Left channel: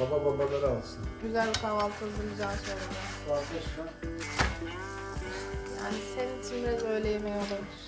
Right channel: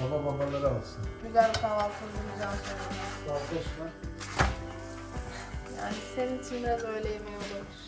Baba babaları alsın. Güzel bir kahvaltı hazırlayacağız sonra. Vazgeçme. Yani senin için biraz öğle yemeği olabilir.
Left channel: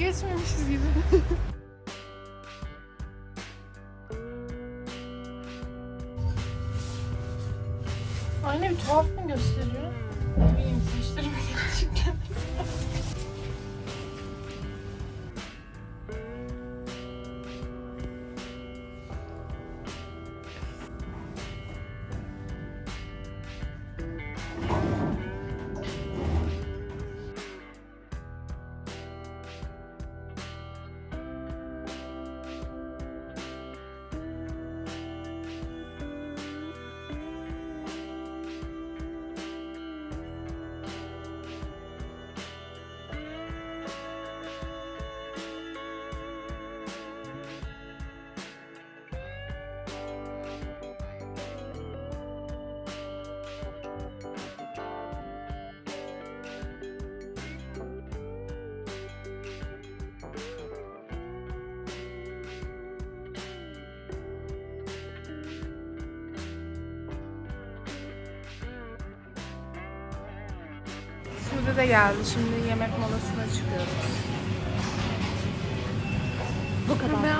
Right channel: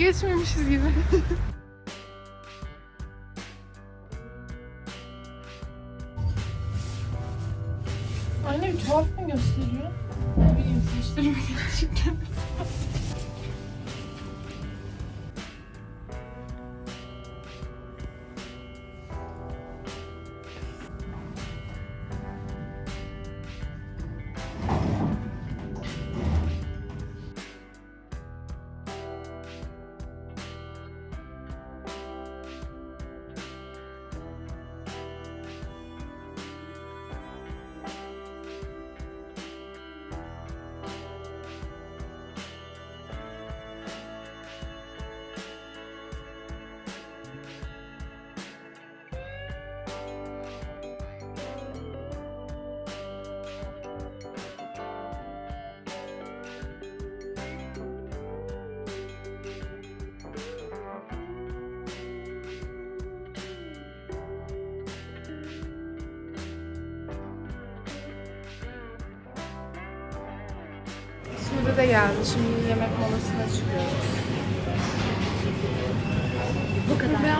Geçmemişiz gibi. Annem tuhaf mı gösteriyor? Ne bileyim saçlarım gerçekten. Sude de geldi. Şimdi yemek molasına çıkıyoruz. Bu kadar.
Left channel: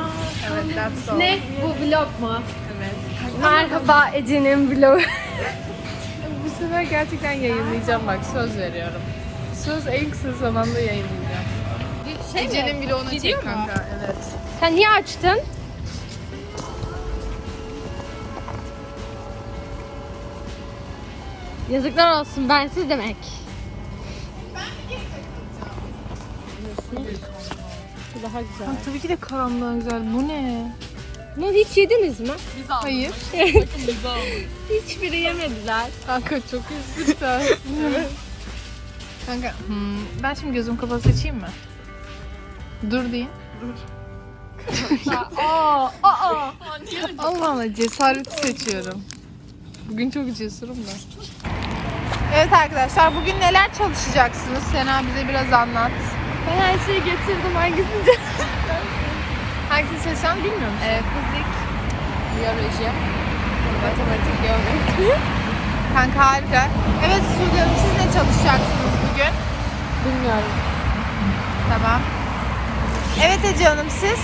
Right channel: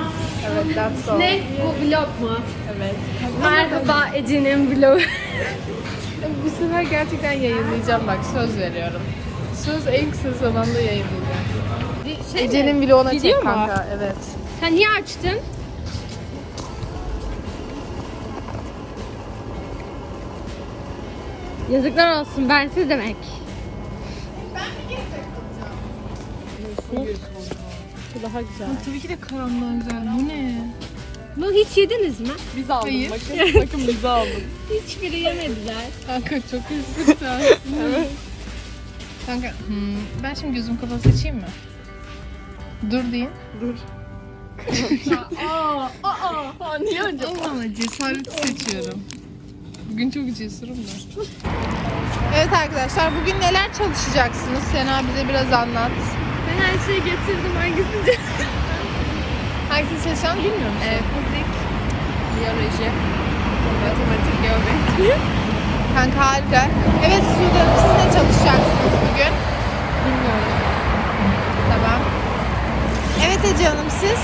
Evet, that's all. Ne? Bu vlog mu? Evet. Merhaba Ece'nin vlogu. Bu sefer gerçekten yayınlayacağım bak söz veriyorum. Söz en kısa zamanda yayınlayacağım. Şey Ece'nin Gidiyor çek mu? kanka. Evet. Sen niye açtın? Yazıklar olsun bensiz demek. Bu daha güzel. tabii ki de karanlığa güzel. Bu ne? Bunu hiç yediniz mi? Biz aldık. Hayır. Bakın bizi aldık. Hiçbiri yemediler. Kanka çok üzgün evet. Kanka hmm, ben şimdi gözüm kapalı seçeyim mi? Dur deyin. aa, aa. Niye Allah Allah cesareti seçiyorum. Bugün çok cesurum da. Evet arkadaşlar bugün neler çalışacaksınız? Sena bize biraz anlat. Ben her şeyi getirdim. Hangisini Hangisini seçeceğim bilmiyor musun? Ee, fizik, biyoloji, matematik, geometri. Kanka harika. Evet Sude Hanım siz ne çalışacaksınız bugün? Bilmiyorum. Tamam. Evet Ece Hanım siz?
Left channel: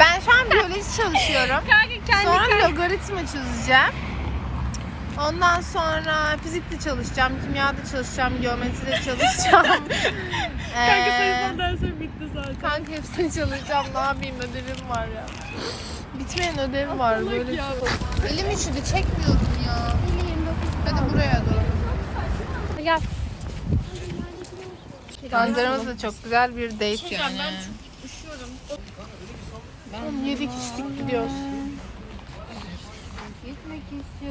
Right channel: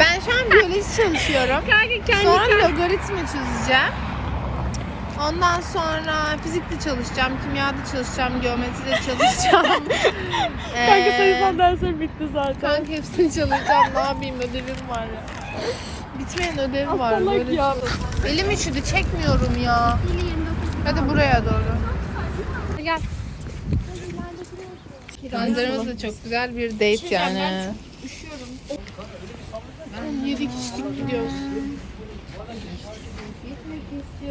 Ben şu an biyoloji çalışıyorum. Kanka kendi Sonra logaritma çözeceğim. Ondan sonra fizikte çalışacağım, kimyada çalışacağım, geometride çalışacağım. Kanka Ee, sayısaldan sonra bitti zaten. Kanka hepsini çalışacağım. Ne yapayım ödevim var ya. Bitmeyen ödev var böyle. ya. şey. Elim üşüdü çekmiyorum ya. Hadi buraya doğru. Gel. Manzaramız da çok güzel bir date yani. Üşüyorum. Yedik içtik gidiyoruz.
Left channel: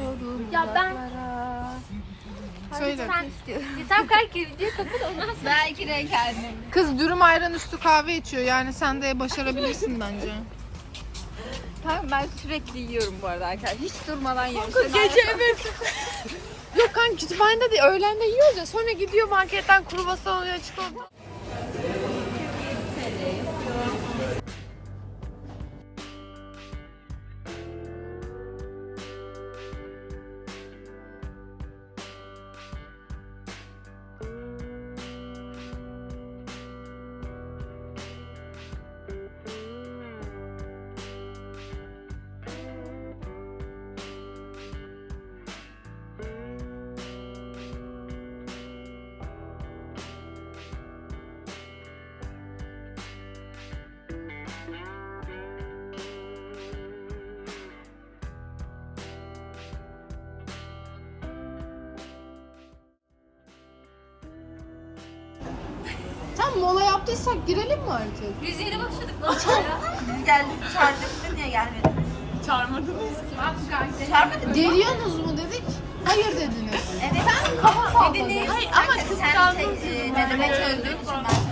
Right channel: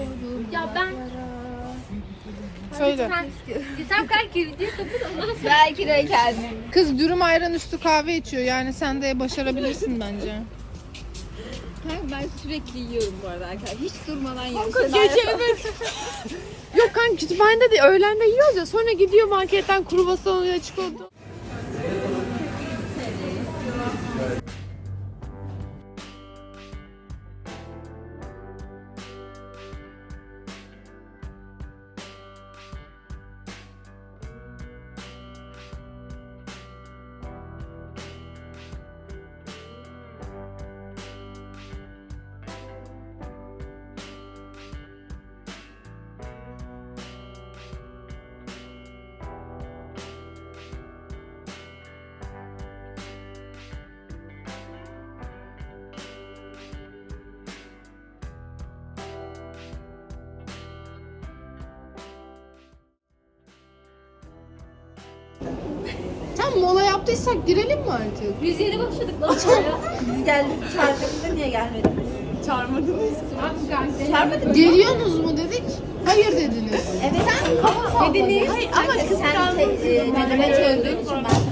İstiyorum. Ya ben- Söyle. Yeter kanki video kapat ondan sonra. Belki de kendim. Kız dürüm ayran üstü kahve içiyor. Yani sen de başarabilirsin bence. Kanka ben sürekli yiyorum bu arada arkadaşlar. Hiç durmadan yiyorum. Gece evet. Yok kanka kütüphanede de öğlende yiyoruz ya. Sonra gidiyor marketten kruvasan alıyor çikolata. Tam mola yaptıysak girelim mi artık? Biz yeni başladık lan. Biz geldik çağırdığımızda niye gelmediniz? Çağırmadın Geliyorsunuz mu dedik? Hayır dediniz. Evet. Sen kafa Dediniz. Hayır ama kıskandın. Sen e, deneme çözdüğün için ben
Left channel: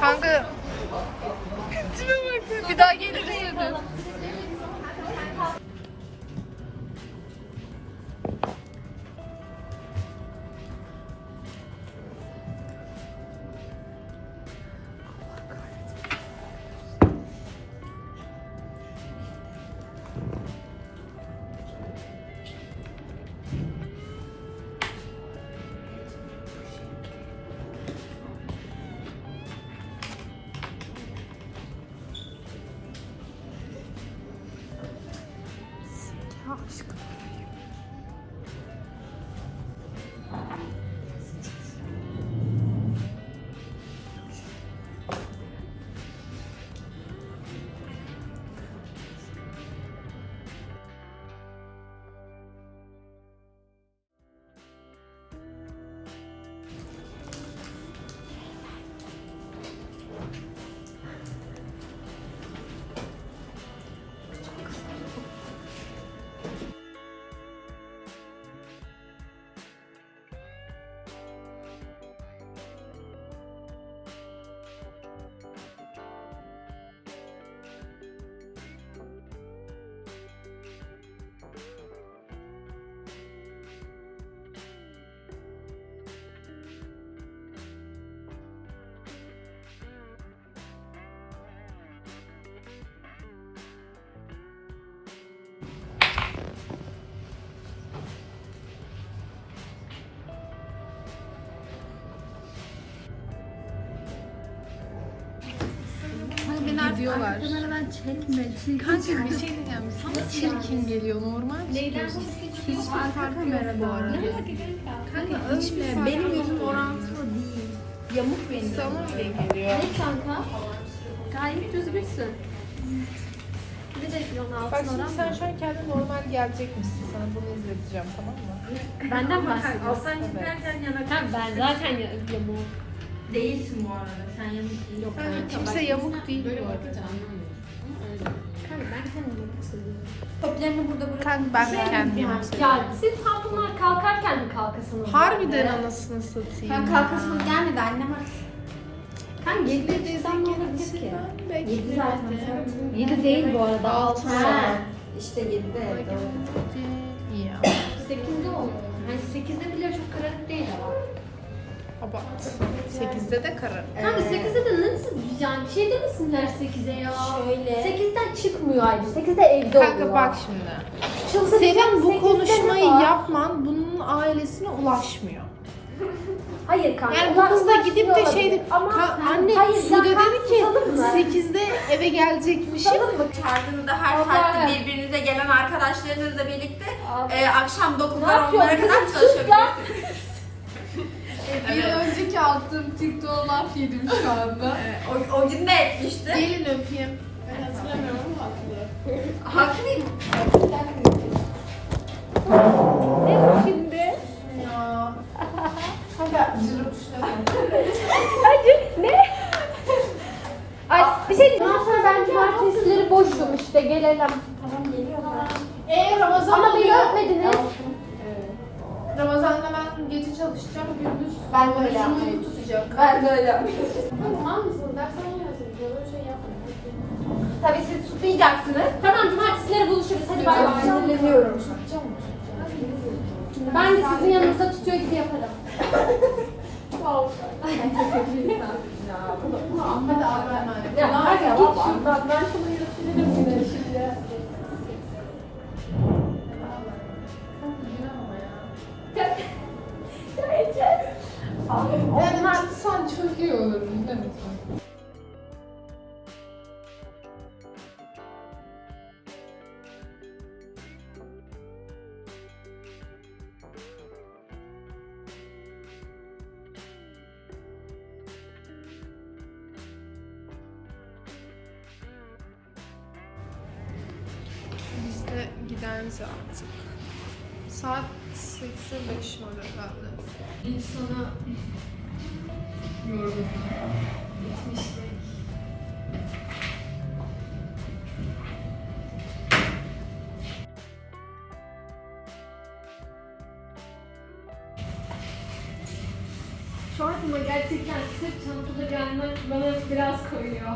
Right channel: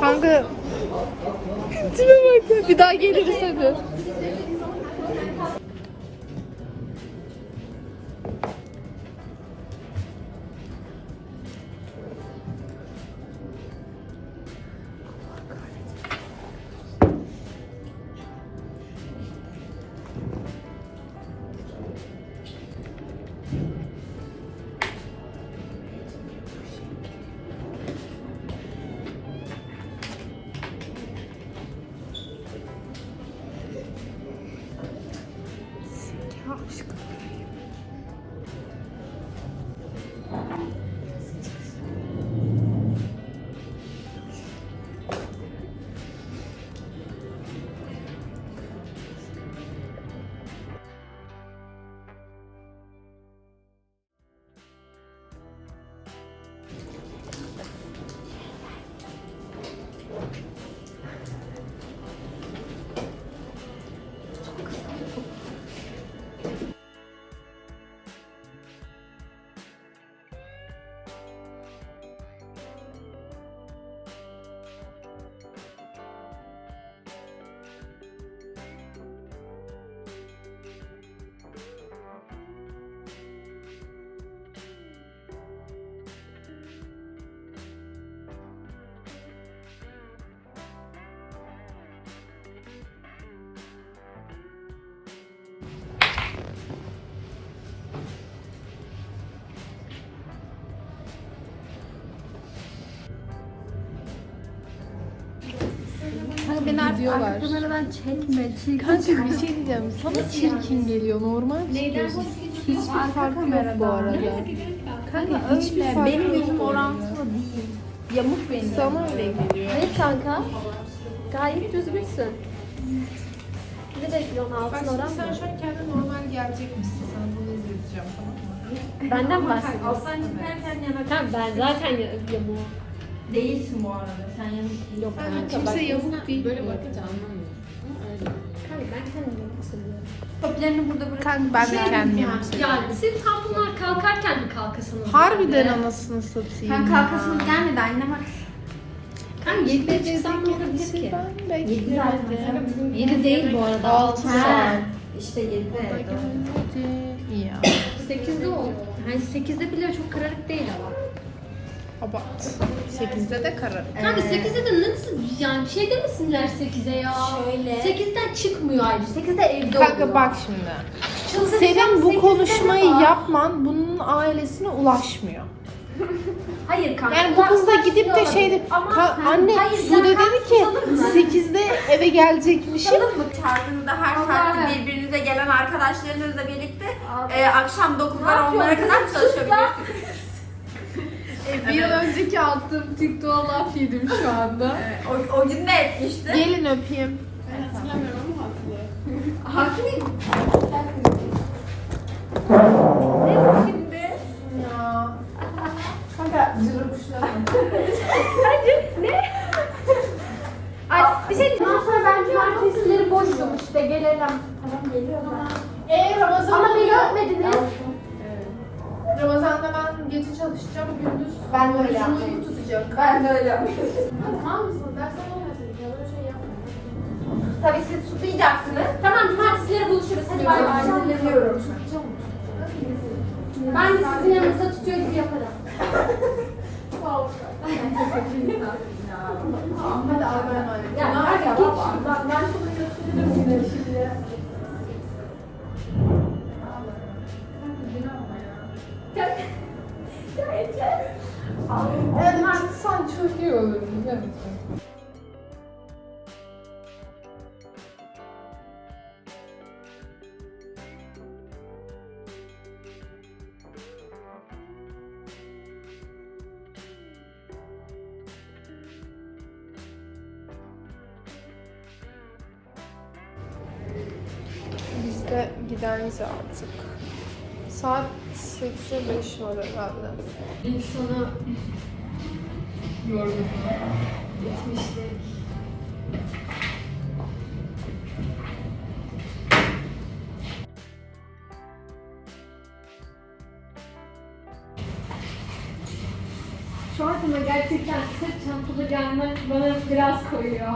Kanka tipe bak ya. Bir daha geliriz hadi. Kanka beni artık Gidiyorlar. arka kameradan çekme. Kanka bir şey diyeceğim. Sana çirkin geliyor normal çıkıyorsun. Hiçbir fark yok bu arada. Kanka öyle. Benim yüzüm orantılı değil. Yamuk benim. Sana öyle geliyor. Evet kanka. Gayet düzgünsün. Bir de yon Bak altın oran sen şu an kendi normal gelecekmişsin. Sana bunu izleteceğim tamam mı? Benden bahsediyorsun. Alttan çıkarken yana. Ben zaten ya- yamuğum. Değilsin bu arada. Sen yanlış Yok kanka. Kimse bak- yamuk değil. Böyle bakınca. Ama öyle. Kanka ben kendimi yamuk seviyorum. Toplarını burada bırak. Kanka ben de kendimi yamuk seviyorum. Ya siz tam bunlar kalkarken mi kalkasınız? Harbiden anasını satayım Sen ya. kalkasınız gelmedi annem bak. Kanka 7'de İstanbul'a gittik ki. Ben beklemedim. 7 değil bu arada. 6 saat. İşte yedi. İyi ya. 8'de oldu. Hani 8'de bile çok kararık değil ama. Abart. 8'de de karar. Kanka 8'de de nasıl yani şey demesinler 8'e ya. Şöyle. 8'den çıkmıyor ayrıca. 8'de evde Kanka oluyor. bak şimdi. Çıldıracağım, Senin bu 8'de konuşmayı var. yapman bunun ailesine ulaşmıyor. Hayır kanka. Yani bu kız da gidip de şey de, Ama- Ka- anne Hayır, Sude dedi ki mı? 8'de eve gelecekmişim. Çağırdığınızda her saatte birbirinize gelen arkadaşlarınızla birlikte e, akşam 9'lar Ne 10'lara yapıyorsun? kadar çalışabilirsiniz. Bir yıl önceki attığım TikTok'a laf yedim şu anda. O, o gün de etmişti. Gelin öpeyim. Ben hatırlamıyorum ama hatırlıyorum. Hakim Ya. Kanka cırık kuşlar. Ay bir şey. Ondan sonra ben cumartesileri boşum işte gelelim. Tamam geliyorum ben. Eee Ramazan Ama beni öpmediniz. Ramazan'da ben gece çalışacağım, gündüz Ben böyle orucumu yapmayı- tutacak. Ben de öyle Tamam mısın? Dersen olmasın. Böyle şey yapma. Tabii siz tutmayacaksınız. Tamam cumartesileri buluşuruz. Hadi bay bay. Dinlemiyorum. Ben de sizin yanınızda tutuyor gibi yaparım. Hadi abi emanet. Ya hadi git şuradan. Ben sana gösteririm yine şimdi. Yani çok iyi olur biliyor musun? Biz de gideriz artık. Saat 8'e 5 var herhalde. İnsanı yorgun. Bitmiştik. Şu aklıma gerçekten sırt çantalı gelmek bana biraz koyuyor.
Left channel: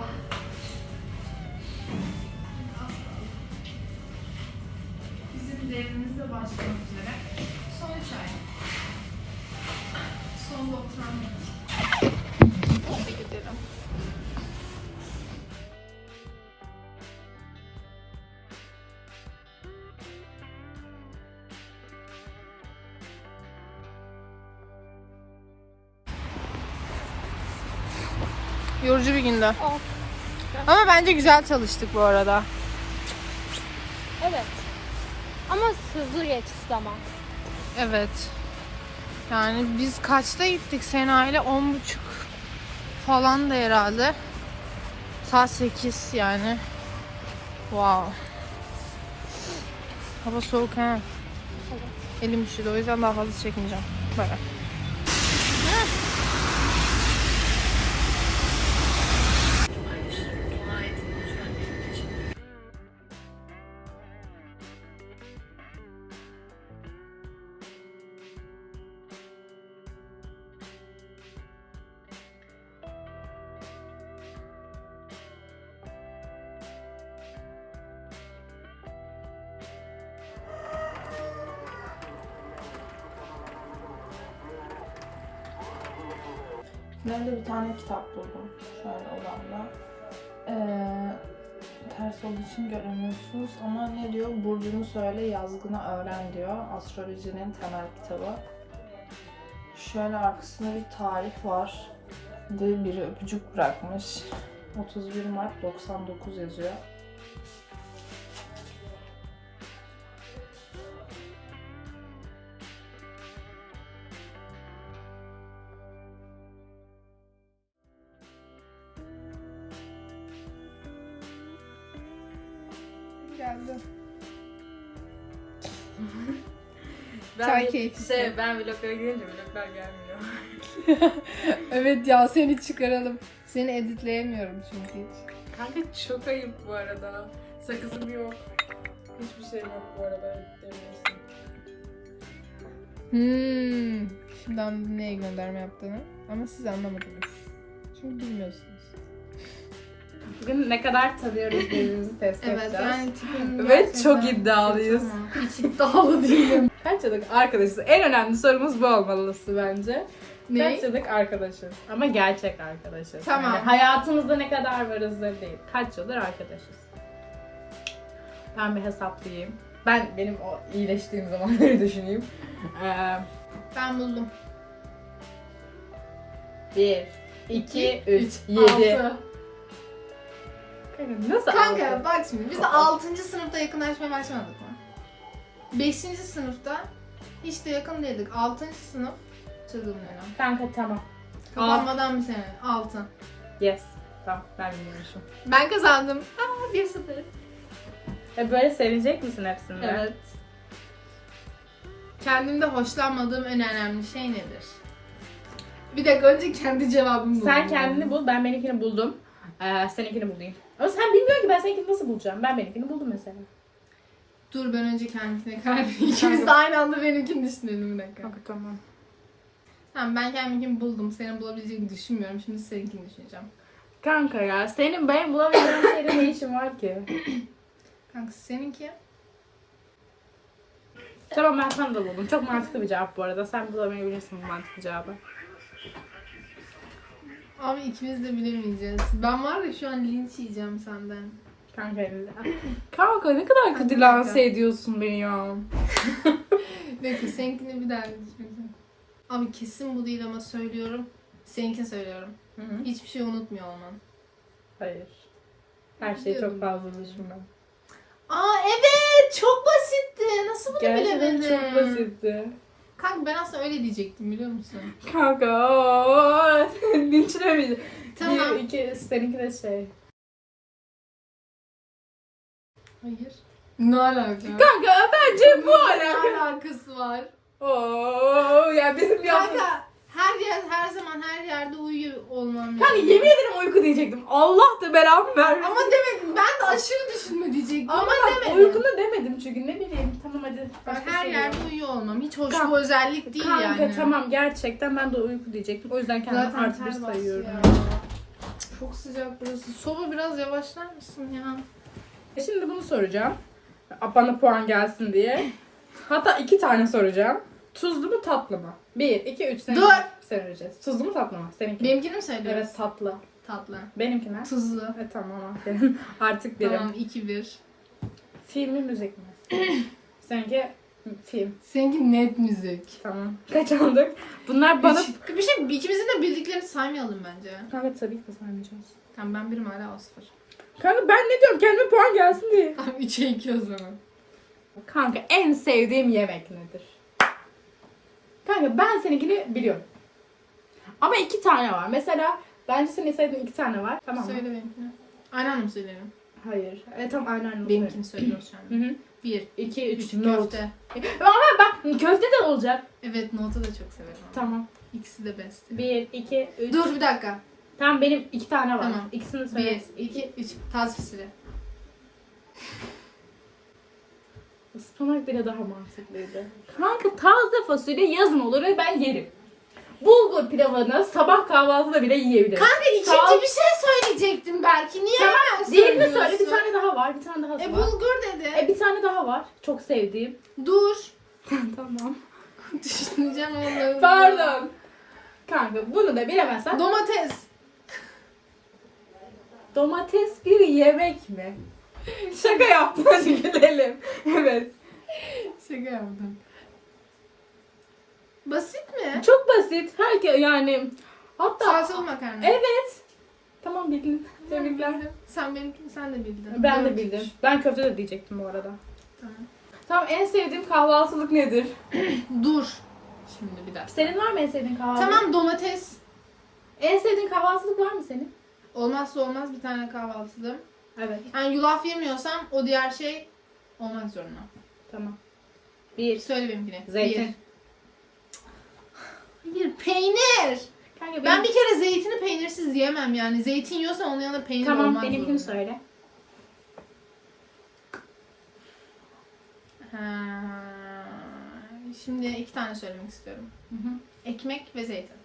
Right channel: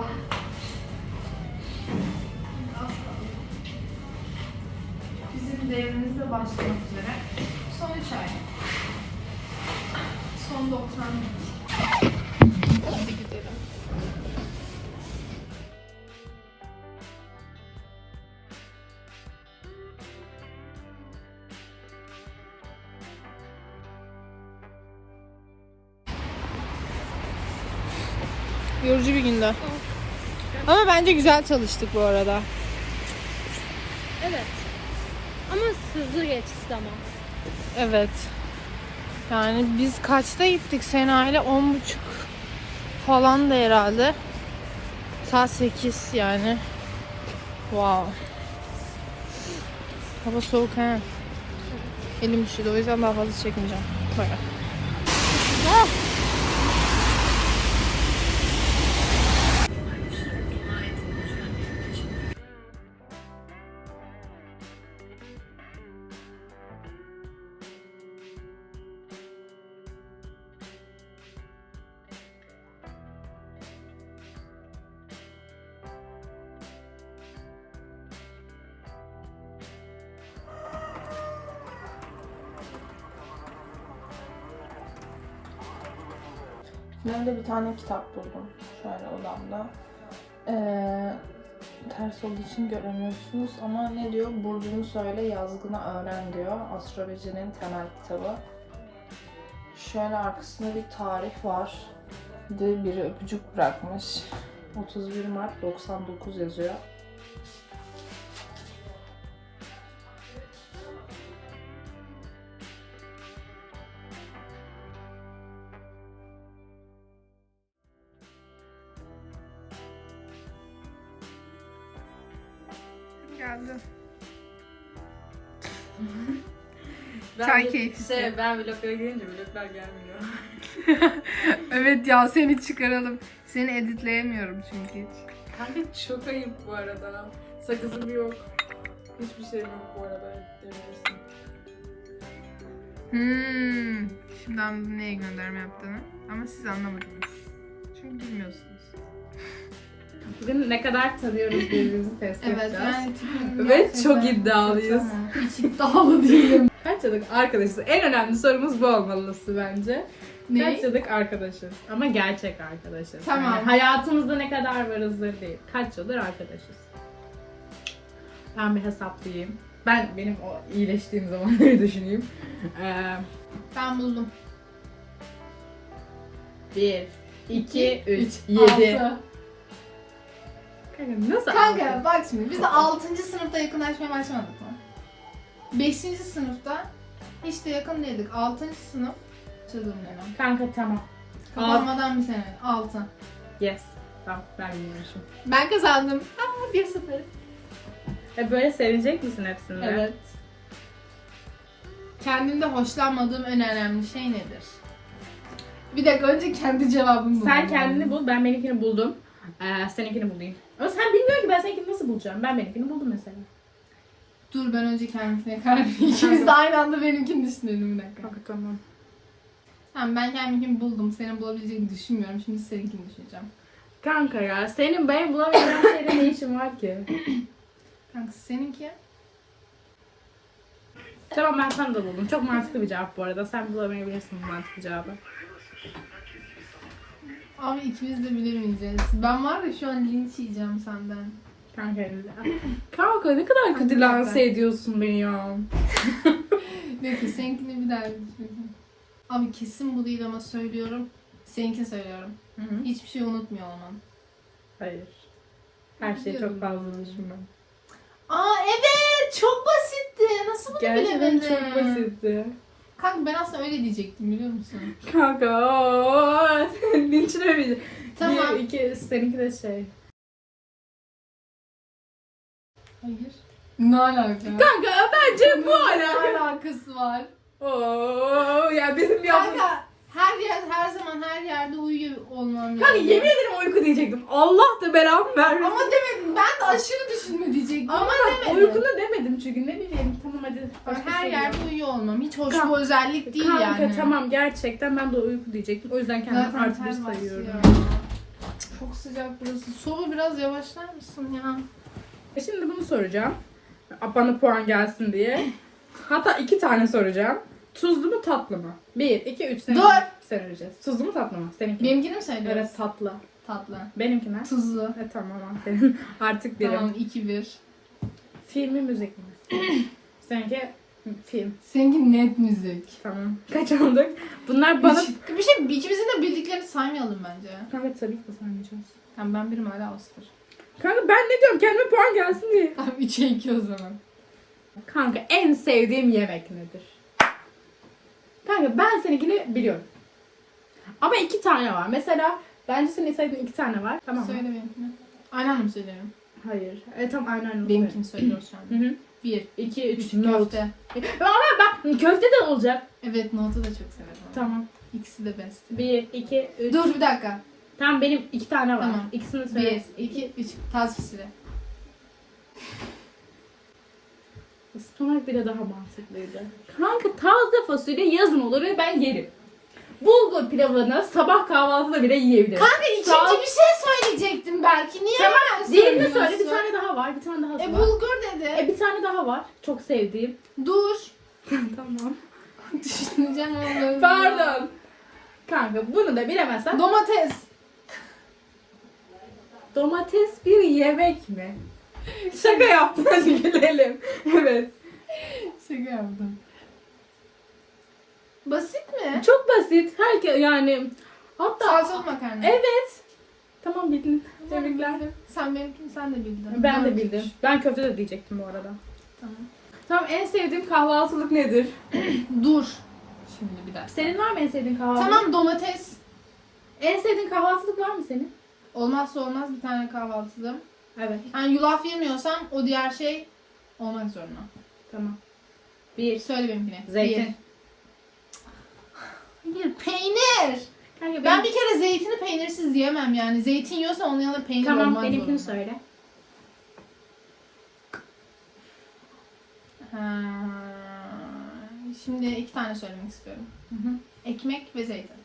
Bizim devrimiz de Günde. Ama bence güzel çalıştık bu arada. Evet. Ama hızlı geçti zaman. Evet. Yani biz kaçta gittik Sena ile? On buçuk falan da herhalde. Saat 8 yani. Wow. Hava soğuk he. Elim üşüdü o yüzden daha fazla çekmeyeceğim. Bay Odamda. Ee, ters olduğu için göremiyorsunuz ama ne diyor? Burcunu söyle, yazgını öğren diyor. Astrolojinin temel kitabı. Şöyle arkasında bir tarih var. Biri öpücük bırakmış. 31 Mart 99 yazıyor. Çay keyfisi. Şey, ben vloglara girince vloglar gelmiyor. evet ya seni çıkaralım. Seni editleyemiyorum çünkü hiç. Kanka çok ayıp bu arada. Sakızım yok. Hiçbir şey yok bu arada. Demiyorsun. Hmm. Şimdi anladım neye gönderme yaptığını. Ama siz anlamadınız. Çünkü bilmiyorsunuz. Bugün ne kadar tanıyoruz birbirimizi test Evet edeceğiz. ben tipim Ve çok iddialıyız. Hiç iddialı değilim. Kaç yıllık arkadaşız? En önemli sorumuz bu olmalısı bence. ne? Kaç yıllık arkadaşız? Ama gerçek arkadaşız. Tamam. Yani hayatımızda ne kadar varızdır değil. Kaç yıldır arkadaşız? Ben bir hesaplayayım. Ben benim o iyileştiğim zamanları düşüneyim. Ee, Ben buldum. 1, 2, 3, 7. Altı. Kanka nasıl Kanka bak şimdi biz 6. sınıfta yakınlaşmaya başlamadık? 5. sınıfta hiç de yakın değildik. 6. sınıf çılgın dönem. Kanka tamam. Kapanmadan bir sene. 6. Yes. Tamam ben biliyorsun. Ben kazandım. Aa 1-0. E böyle sevinecek misin hepsinde? Evet. Kendimde hoşlanmadığım en önemli şey nedir? Bir dakika önce kendi cevabımı Sen bulmam kendini bul, ben benimkini buldum. Ee, seninkini bulayım. Ama sen bilmiyorsun ki ben seninkini nasıl bulacağım. Ben benimkini buldum mesela. Dur ben önce kendimine karar vereyim. İkimiz de aynı anda benimkini düşünelim bir dakika. Kanka tamam. Tamam ben kendimkini buldum. Senin bulabileceğini düşünmüyorum. Şimdi seninkini düşüneceğim. Kanka ya senin benim bulamayacağım şeyde ne işin var ki? Kanka seninki? Tamam ben sana da buldum. Çok mantıklı bir cevap bu arada. Sen bulamayabilirsin bu mantıklı cevabı. Abi ikimiz de bilemeyeceğiz. Ben var ya şu an linç yiyeceğim senden. Kanka Kanka ne kadar kötü lanse ediyorsun beni ya. Bekle seninkini bir daha düşüneceğim. Abi kesin bu değil ama söylüyorum. Seninkini söylüyorum. Hı hı. Hiçbir şey unutmuyor olman. Hayır. Her şeyi Biliyorum. çok fazla düşünme. Aa evet çok basitti. Nasıl bunu Gerçekten bilemedin? çok basitti. Kanka ben aslında öyle diyecektim biliyor musun? Kanka. Linçlemeyeceğim. Tamam. Bir, iki, seninki de şey. Hayır. Ne alaka? Kanka bence bu Ne alakası var? Oo ya bizim yaptığımız... Kanka her yer her zaman her yerde uyuyor olmam Kanka lazım. yemin ederim uyku diyecektim. Allah da belamı vermesin. Ama demedim. Ben de aşırı düşünme diyecektim. Ama, Ama bak demedim. uykunu demedim çünkü ne bileyim. Tamam hadi. başka her şey yerde yok. uyuyor olmam. Hiç hoş Kanka- bir özellik değil Kanka yani. tamam gerçekten ben de uyku diyecektim. O yüzden kendimi Zaten artı bir ter sayıyorum. Çok sıcak burası. Soba biraz yavaşlar mısın ya? E Şimdi bunu soracağım. Bana puan gelsin diye. Hatta iki tane soracağım. Tuzlu mu tatlı mı? Bir, iki, üç. Seninki Dur. Söyleyeceğiz. Tuzlu mu tatlı mı? Seninki. Benimkini mi söylüyoruz? Evet tatlı. Tatlı. Benimki ne? Tuzlu. E tamam aferin. Artık birim. Tamam 2-1. Film mi müzik mi? Seninki film. Seninki net müzik. Tamam. Kaç aldık? Bunlar bana... Bir şey ikimizin de bildiklerini saymayalım bence. Kanka tabii ki de saymayacağız. Tamam ben birim hala o sıfır. Kanka ben ne diyorum? Kendime puan gelsin diye. Tamam 3'e 2 o zaman. Kanka en sevdiğim yemek nedir? Kanka ben seninkini biliyorum. Ama iki tane var. Mesela bence senin sevdiğin iki tane var. Tamam mı? Söyle benimkini. Aynı anda mı? Hayır. E tam aynen aynen. Benimkini söylüyoruz şu Hı an. hı. 1, 2, 3, 3 note. köfte. Ama bak köfte de olacak. Evet notu da çok severim. ama. Tamam. İkisi de best. 1, 2, 3. Dur bir dakika. Tamam benim iki tane var. Tamam. İkisini 1, söyle. 2, 3. Taz fısırı. Ispanak bile daha mantıklıydı. Kanka taze fasulye yazın olur ve ben yerim. Bulgur pilavını sabah kahvaltıda bile yiyebilirim. Kanka Sağ ikinci bir şey söyleyecektim belki. Niye hemen Diğerini söyle söylüyorsun? bir tane daha var. Bir tane daha E var. bulgur dedi. E bir tane daha var. Çok sevdiğim. Dur. tamam. Düşüneceğim Allah'ım. Pardon. Kanka bunu da bilemezsen. Domates. Domates bir yemek mi? Şaka yaptım hadi gülelim. Evet. Şaka yaptım. Basit mi? Çok basit. Herkes yani. Hatta Salçalı makarna. evet. Tamam bildin. Tamam, Tebrikler. bildim. Sen benimkini sen de bildin. Ben de Dört, bildim. üç. Ben köfte de diyecektim bu arada. Tamam. Tamam en sevdiğim kahvaltılık nedir? Dur. Şimdi bir dakika. Senin var mı en sevdiğin kahvaltılık? Tamam domates. En sevdiğin kahvaltılık var mı senin? Olmazsa olmaz bir tane kahvaltılığım. Evet. Yani yulaf yemiyorsam o diğer şey olmak zorunda. Tamam. Bir. Söyle benimkini. Zeytin. Bir. Hayır peynir. Kanka Ben bir kere zeytini peynirsiz yiyemem yani. Zeytin yiyorsam onun yanında peynir Tamam olmak benimkini zorunda. söyle. Ha, Şimdi iki tane söylemek istiyorum. Hı hı. Ekmek ve zeytin.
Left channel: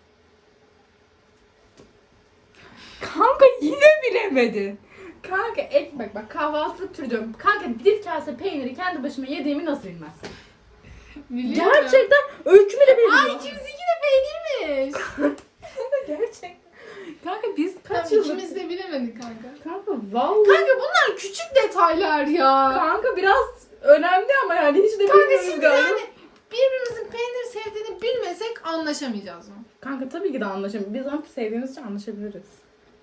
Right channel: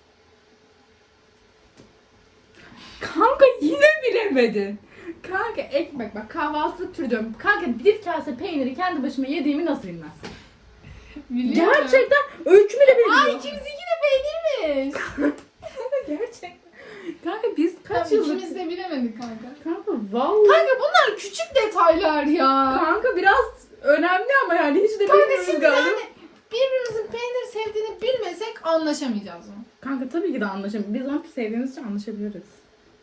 Kanka yine bilemedin. Kanka ekmek bak kahvaltılık türü diyorum. Kanka bir kase peyniri kendi başıma yediğimi nasıl bilmezsin? Biliyorum. Gerçekten öykümü de Aa biliyorum. ikimizinki de peynirmiş. Gerçekten. Kanka biz kaç yıldır... ikimiz de bilemedik kanka. Kanka vallahi. Kanka bunlar küçük detaylar ya. Kanka biraz önemli ama yani hiç de Kanka bilmiyoruz şimdi galiba. yani birbirimizin peynir sevdiğini bilmesek anlaşamayacağız? Kanka tabii ki de anlaşamayız. Biz onu sevdiğimiz için anlaşabiliriz.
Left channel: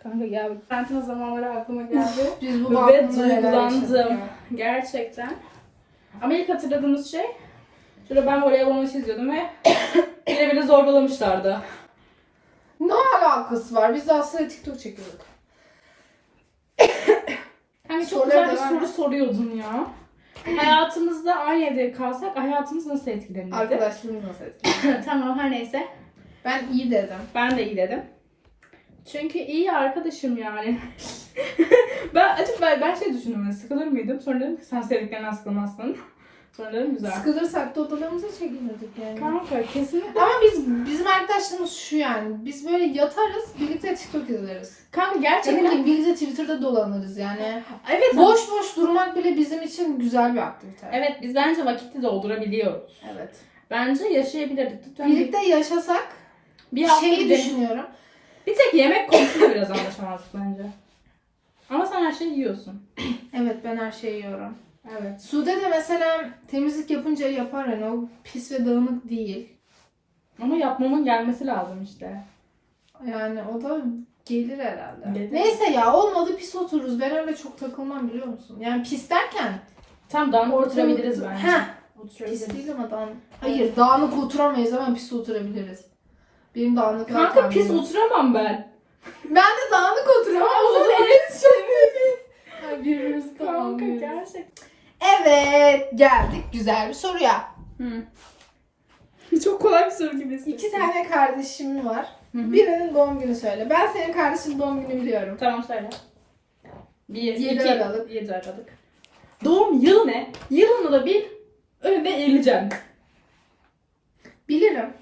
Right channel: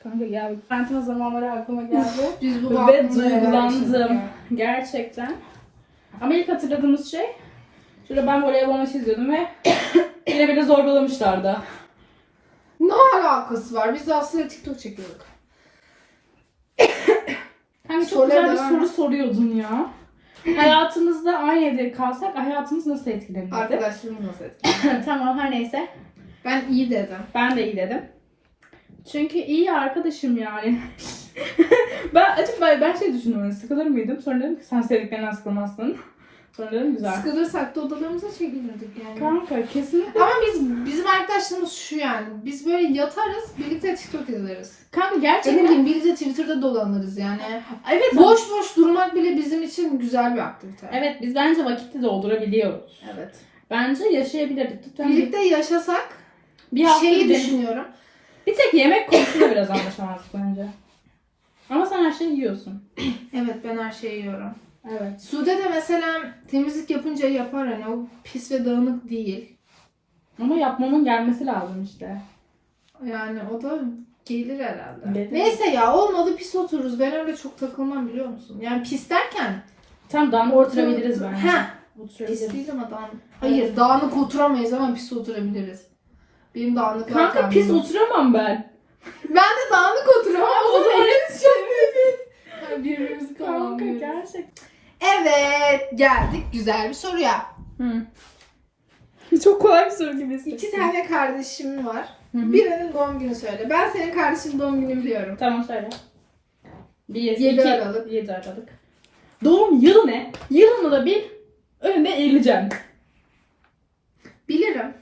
Kanka gel. Karantina zamanları aklıma geldi. Biz bu Ve duygulandım. Gerçekten. Ama ilk hatırladığımız şey Şurada ben voleybol maçı izliyordum ve yine beni zorbalamışlardı. Ne alakası var? Biz de aslında TikTok çekiyorduk. Kanka çok Soruya güzel bir devam soru et. soruyordun ya. Hayatımızda aynı evde kalsak hayatımız nasıl etkilenirdi? Arkadaşlarımız nasıl etkiledi? tamam her neyse. Ben iyi dedim. Ben de iyi dedim. Çünkü iyi arkadaşım yani. ben açık ben, ben şey düşündüm. hani Sıkılır mıydım? Sonra dedim ki sen sevdiklerinden sıkılmazsın. Sonra dedim güzel. Sıkılırsak da odalarımıza çekilirdik yani. Kanka kesinlikle. Ama biz bizim arkadaşlarımız şu yani. Biz böyle yatarız, birlikte TikTok izleriz. Kanka Ne gerçekten. bileyim birlikte Twitter'da dolanırız yani. Evet. Boş boş durmak bile bizim için güzel bir aktivite. Evet biz bence vakiti doldurabiliyoruz. Evet. Bence yaşayabilirdik. Lütfen Birlikte yaşasak bir hafta şeyi de- düşünüyorum. Bir tek yemek konusunda biraz anlaşamazdık bence. Ama sen her şeyi yiyorsun. Evet ben her şeyi yiyorum. Evet. Sude de mesela temizlik yapınca yapar hani o pis ve dağınık değil. Ama yapmamın gelmesi lazım işte. Yani o da gelir herhalde. Gelir. Neyse ya olmadı pis otururuz. Ben öyle çok takılmam biliyor musun? Yani pis derken Tam dağınık oturabiliriz bence. Heh, Oturabiliriz. pis değil ama dağınık. Hayır dağınık oturamayız ama pis oturabiliriz. Benim dağınık Kanka pis oturamam ben. Ben de dağınık oturuyorum ama o zaman Yani birbirimizi Kanka tamamlıyoruz. gerçekten. Evet geldik güzel bir soruya. Çok kolay bir soru gibi İki tane kardeşim var. Hı hı. Birinin doğum günü söyle. Ben senin kardeşinin doğum günü biliyorum. Tamam söyle. Bir, Yedi iki, Aralık. Yedi Aralık. Doğum yılı ne? Yılını da bir önünde eğileceğim. Bilirim.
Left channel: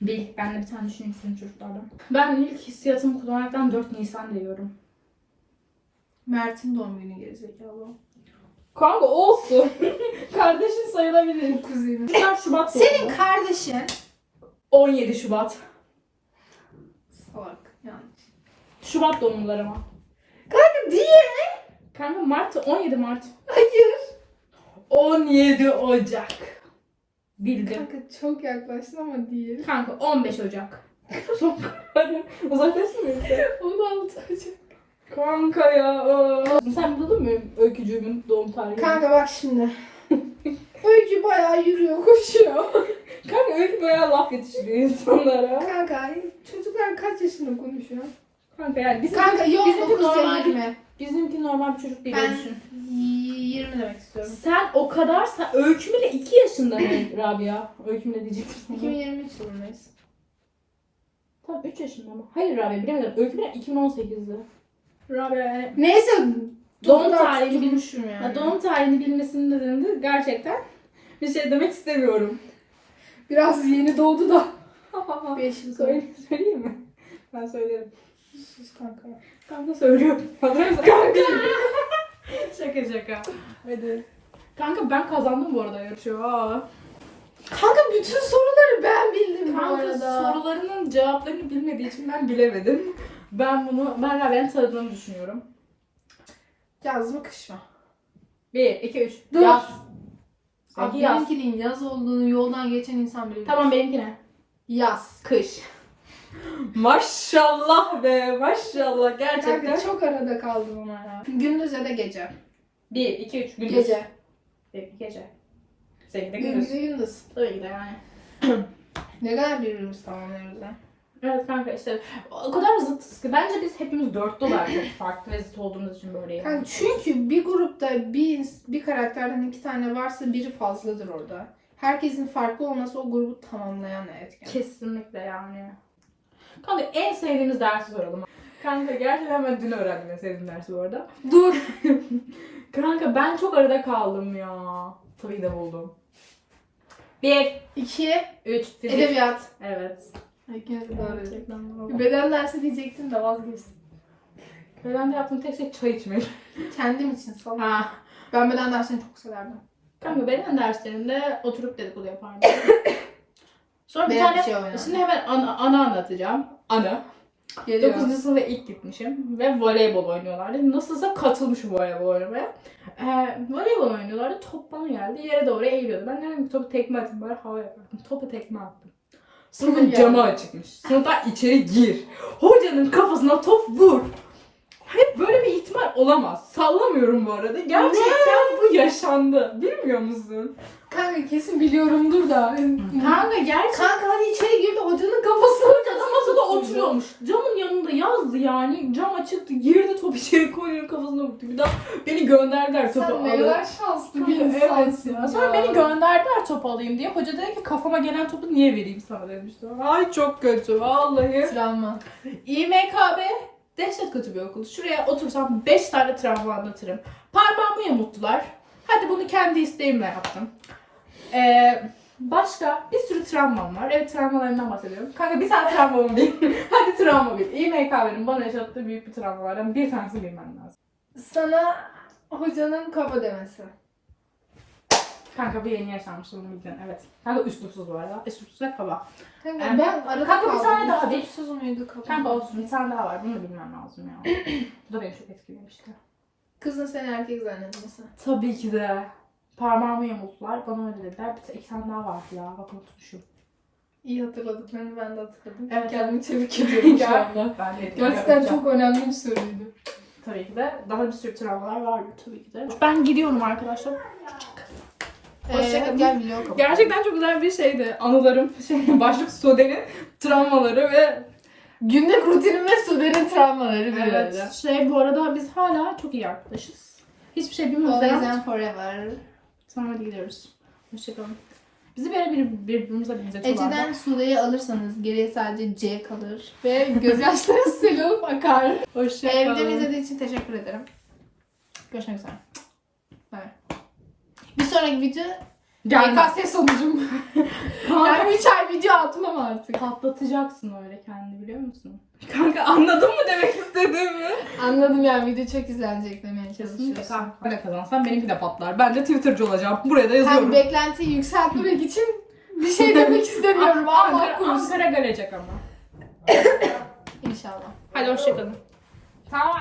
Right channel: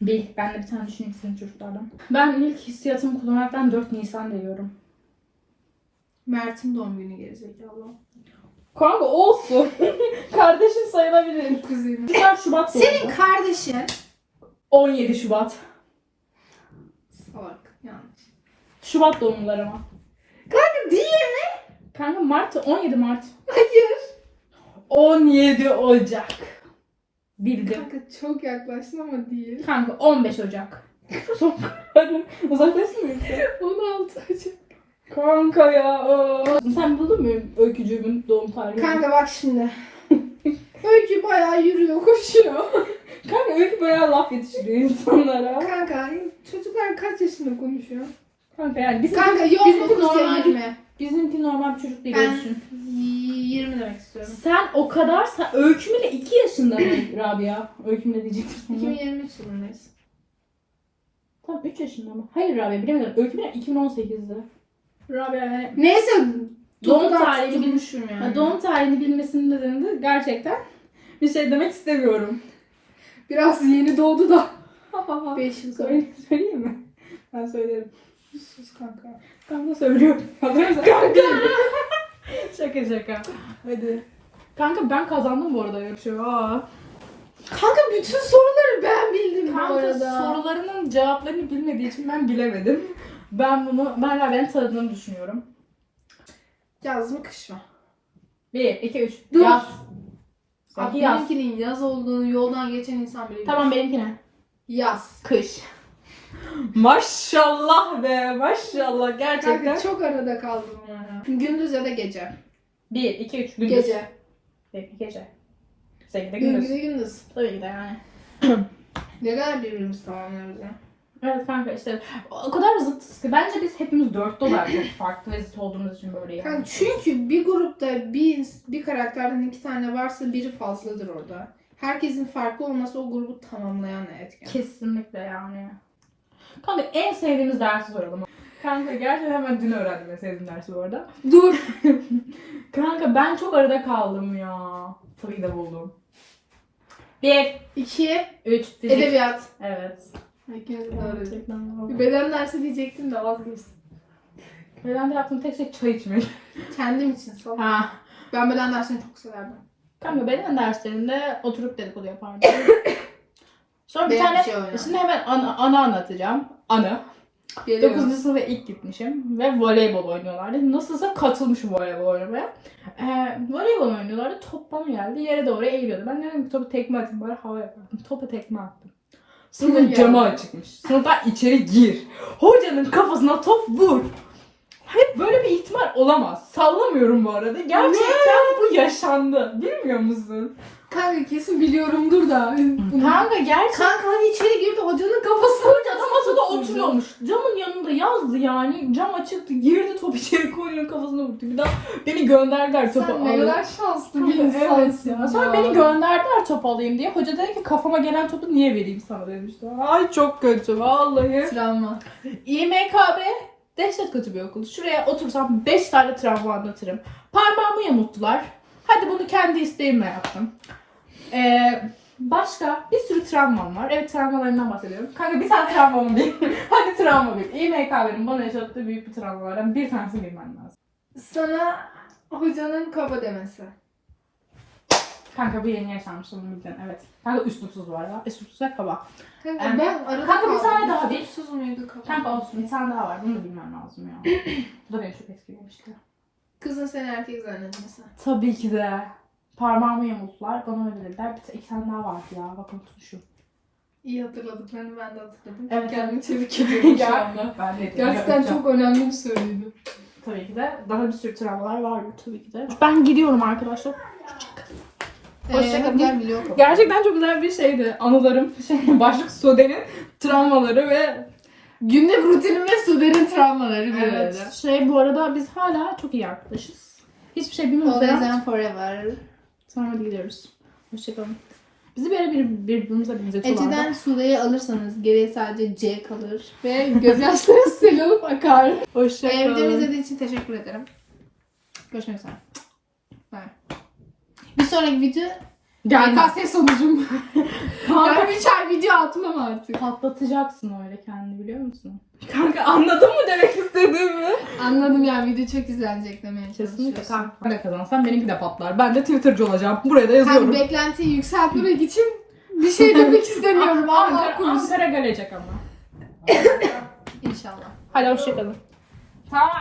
Bil. Ben de bir tane düşüneyim senin çocuklardan. Ben ilk hissiyatımı kullanaraktan 4 Nisan diyorum. Mert'in doğum günü gerizekalı. Kanka olsun. Kardeşin sayılabilir. Kuzenim. Şubat Şubat doğumlu. Senin kardeşin 17 Şubat. salak yanlış. Şubat doğumlular ama. Kanka diye. Kanka Mart 17 Mart. Hayır. 17 Ocak. Bildim. Kanka çok yaklaştın ama değil. Kanka 15 Ocak. Son Hadi uzaklaştın mı? 16 Ocak. Kanka ya. aa. Sen buldun mu öykücüğümün doğum tarihini? Kanka bak şimdi. Öykü bayağı yürüyor, koşuyor. Kanka öykü bayağı laf yetiştiriyor insanlara. Kanka çocuklar kaç yaşında konuşuyor? Kanka yani bizim, Kanka yok bizimki 9 ya normal, 20. bizimki normal bir çocuk değil Ben- öyle düşün. 20 demek istiyorum. Sen o kadar, sen öykümle 2 yaşında mı Rabia? Öykümle diyecektim sana. 2023 yılındayız. Tam 3 yaşında mı? Hayır Rabia bilemedim. Öykümle 2018'de. Rabia yani Neyse Doğum tarihini bilmişim yani. Ya doğum tarihini bilmesinin nedeni de gerçekten bir şey demek istemiyorum. Biraz yeni doğdu da. 5 yıl sonra. Söyle, söyleyeyim mi? Ben söylerim. Sus kanka. De söylüyorum. Hazır mısın? Kanka. şaka şaka. Hadi. Kanka ben kazandım bu arada yarışı. Aa. Kanka bütün soruları ben bildim bu Kanka arada. sorularının cevaplarını bilmediği için ben bilemedim. Ben bunu, ben Rabia'nın tanıdığını düşünüyorum. Yaz mı kış mı? 1, 2, 3. Dur. Yaz. Sanki yaz. benimkinin yaz olduğunu yoldan geçen insan bile bilir. Tamam benimki ne? Yaz. Kış. Maşallah be maşallah gerçekten. Kanka çok arada kaldım ona ya. Gündüz ya da gece. 1, 2, 3 gündüz. Gece. Peki gece. Seninki de gündüz. Gündüz. Gündüz. Tabii ki de yani. Ne kadar birbirimizi tamamlıyoruz ya. Evet kanka işte o kadar zıtız ki bence biz hepimiz dörtte olarak çok farklı ve zıt olduğumuz için böyleyiz. Kanka çünkü bir grupta bir, ins- bir karakterden iki tane varsa biri fazladır orada. Herkesin farklı olması o grubu tamamlayan etken. Kesinlikle yani. Kanka en sevdiğimiz dersi soralım. Kanka gerçekten ben dün öğrendim en sevdiğim dersi bu arada. Dur. Kanka ben çok arada kaldım ya. Tabii de buldum. 1, İki. 3, fizik. Edebiyat. Evet. Bir beden dersi diyecektim de vazgeçtim. Ben de yaptığım tek şey çay içmek. Kendim için sal. Ha. Ben beden dersini çok severdim. Kanka beden derslerinde oturup dedikodu yapardım. Sonra bir tane, şey şimdi hemen ana, ana anlatacağım. Ana. Geliyorum. 9. sınıfa ilk gitmişim ve voleybol oynuyorlardı. Nasılsa katılmışım voleybol oynamaya. Ee, voleybol oynuyorlardı. Top bana geldi. Yere doğru eğiliyordu. Ben dedim ki topu tekme atayım bari hava yapardım. Topa tekme attım. Sınıfın camı açıkmış. Sınıftan içeri gir. Hocanın kafasına top vur. Hep böyle bir ihtimal olamaz. Sallamıyorum bu arada. Gerçekten bu yaşandı. Bilmiyor musun? Kanka kesin biliyorumdur da. Kanka gerçekten. Kanka hani içeri girdi hocanın kafasına da masada oturuyor yazıyormuş. Camın yanında yazdı yani. Cam açıktı. Girdi top içeri koyunun kafasına vurdu. Bir daha beni gönderdiler topu Sen ne alıp. kadar şanslı bir Evet insansın. ya. Sonra beni gönderdiler top alayım diye. Hoca dedi ki kafama gelen topu niye vereyim sana demişti. Ay çok kötü vallahi. Travma. İMKB dehşet kötü bir okul. Şuraya otursam 5 tane travma anlatırım. Parmağımı yamulttular. Hadi bunu kendi isteğimle yaptım. Ee, başka bir sürü travmam var. Evet travmalarımdan bahsediyorum. Kanka bir tane travmam değil. Hadi travma bir. İMKB'nin bana yaşattığı büyük bir travmalardan bir tanesi bilmem lazım. Sana hocanın kaba demesi. Kanka bu yeni yaşanmış onu bildin evet. Kanka üslupsuz bu arada. Üslupsuz ve kaba. Kanka Yani- ben arada Kanka bir tane daha bir. Sus muydu kaba? Kanka olsun bir tane daha var. Bunu da bilmem lazım ya. bu da beni çok etkilemişti. Kızın seni erkek zannetmesi. Tabii ki de. Parmağımı yamulttular. Bana öyle dediler. Bir iki tane daha vardı ya. Bak unutmuşum. İyi hatırladıklarını ben de hatırladım. Evet, Kendimi tebrik ediyorum şu anda. Ben de Gerçekten çok önemli bir soruydu. Tabii ki de. Daha bir sürü travmalar vardı tabii ki de. Ben gidiyorum arkadaşlar. Gel milyon kapı. Gerçekten çok güzel bir şeydi. Anılarım. Şey, başlık Sude'nin travmaları ve Günlük rutinim ve Sude'nin travmaları diyor evet. öyle. Şey bu arada biz hala çok iyi arkadaşız. Hiçbir şey bilmiyoruz. Always and forever. Sonra hadi gidiyoruz. Hoşçakalın. Bizi böyle bir, birbirimize benzetiyorlar. Ece'den Sude'yi alırsanız geriye sadece C kalır. Ve gözyaşları sel olup akar. Hoşçakalın. Ee, videomu izlediği için teşekkür ederim. Görüşmek üzere. Bye. Bir sonraki video Gelme. YKS sonucum. Kanka ben 3 ay video atmam artık. patlatacaksın öyle kendini biliyor musun? Kanka anladın mı demek istediğimi? Anladım yani video çok izlenecek demeye Kesinlikle çalışıyorsun. kanka. Ben de kazansam benimki de patlar. Ben de Twitter'cı olacağım. Buraya da Yani yazıyorum. beklentiyi yükseltmek için bir şey demek istemiyorum. Allah Ankara. Ankara gelecek ama. İnşallah. Hadi hoşçakalın. Tamam.